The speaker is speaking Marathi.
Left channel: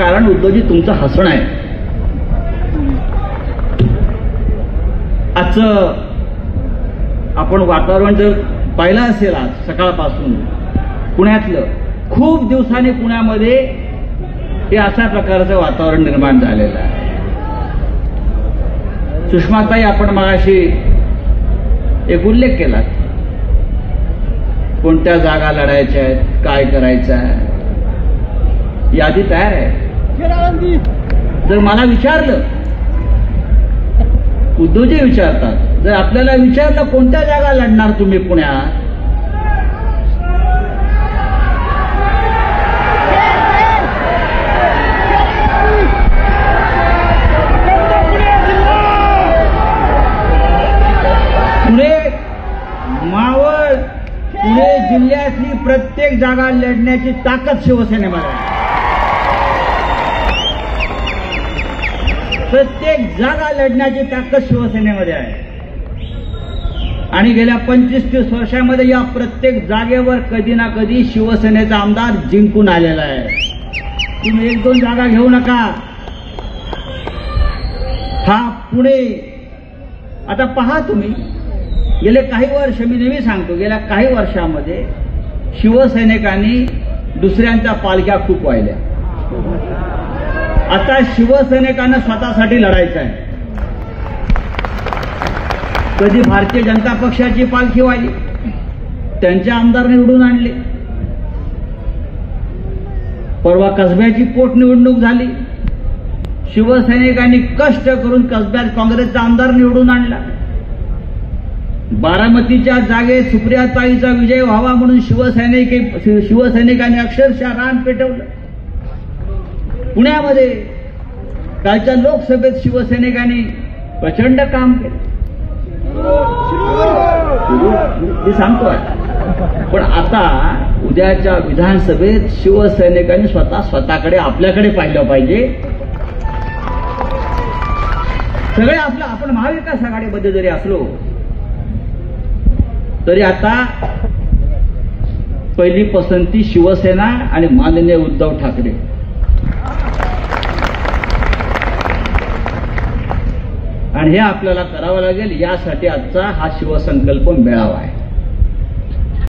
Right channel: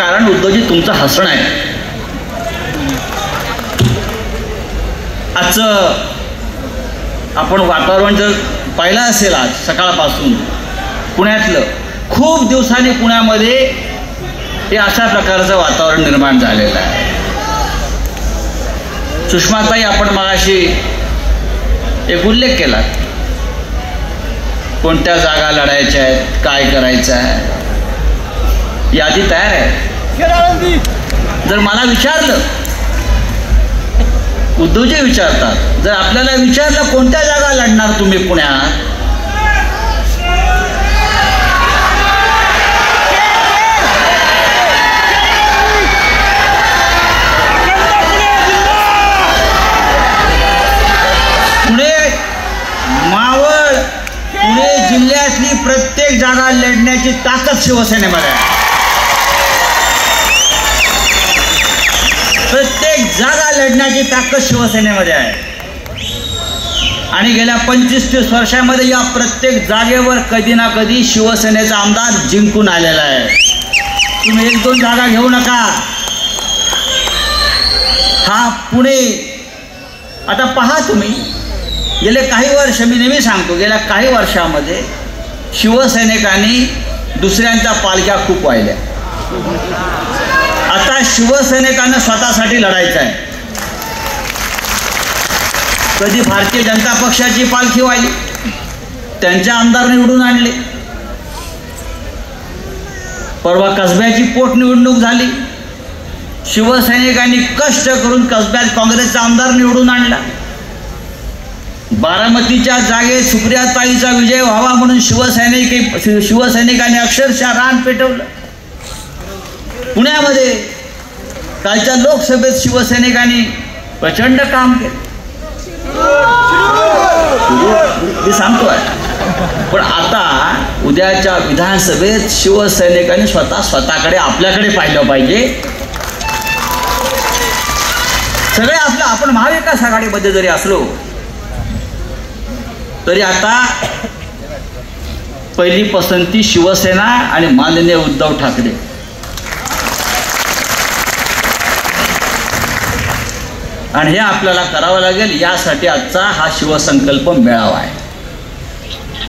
कारण उद्धवजी तुमचं हसणं आहे. आजचं आपण वातावरण जर पाहिलं असेल आज सकाळपासून पुण्यातलं, खूप दिवसांनी पुण्यामध्ये हे अशा प्रकारचं वातावरण निर्माण झालेलं आहे. सुषमाताई, आपण मगाशी एक उल्लेख केला, कोणत्या जागा लढायच्या आहेत, काय करायचं आहे, यादी तयार आहे. जर मला विचारलं, उद्धवजी विचारतात, जर आपल्याला विचारलं कोणत्या जागा लढणार तुम्ही पुण्यात, पुणे मावळ पुणे जिल्ह्यातली प्रत्येक जागा लढण्याची ताकद शिवसेनेमध्ये आहे. प्रत्येक जागा लढण्याची ताकद शिवसेनेमध्ये आहे. आणि गेल्या 25-30 वर्षामध्ये या प्रत्येक जागेवर कधी ना कधी शिवसेनेचा आमदार जिंकून आलेला आहे. तुम्ही 1-2 जागा घेऊ नका. हा पुणे, आता पहा तुम्ही, गेले काही वर्ष, मी नेहमी सांगतो, गेल्या काही वर्षामध्ये शिवसैनिकांनी दुसऱ्यांच्या पालख्या खूप वाहिल्या. आता शिवसैनिकांना स्वतःसाठी लढायचं आहे. कधी भारतीय जनता पक्षाची पालखी वाहिली, त्यांच्या आमदार निवडून आणले. परवा कसब्याची पोटनिवडणूक झाली, शिवसैनिकांनी कष्ट करून कसब्यात काँग्रेसचा आमदार निवडून आणला. बारामतीच्या जागेत सुप्रियाताईचा विजय व्हावा म्हणून शिवसैनिकांनी अक्षरशः रान पेटवलं. पुण्यामध्ये कालच्या लोकसभेत शिवसैनिकांनी प्रचंड काम केलं. मी सांगतोय, पण आता उद्याच्या विधानसभेत शिवसैनिकांनी स्वतःकडे आपल्याकडे पाहिलं पाहिजे. सगळे आपलं, आपण महाविकास आघाडीमध्ये जरी असलो तरी आता पहिली पसंती शिवसेना आणि माननीय उद्धव ठाकरे. आणि हे आपल्याला करावं लागेल. यासाठी आजचा हा शिवसंकल्प मेळावा आहे.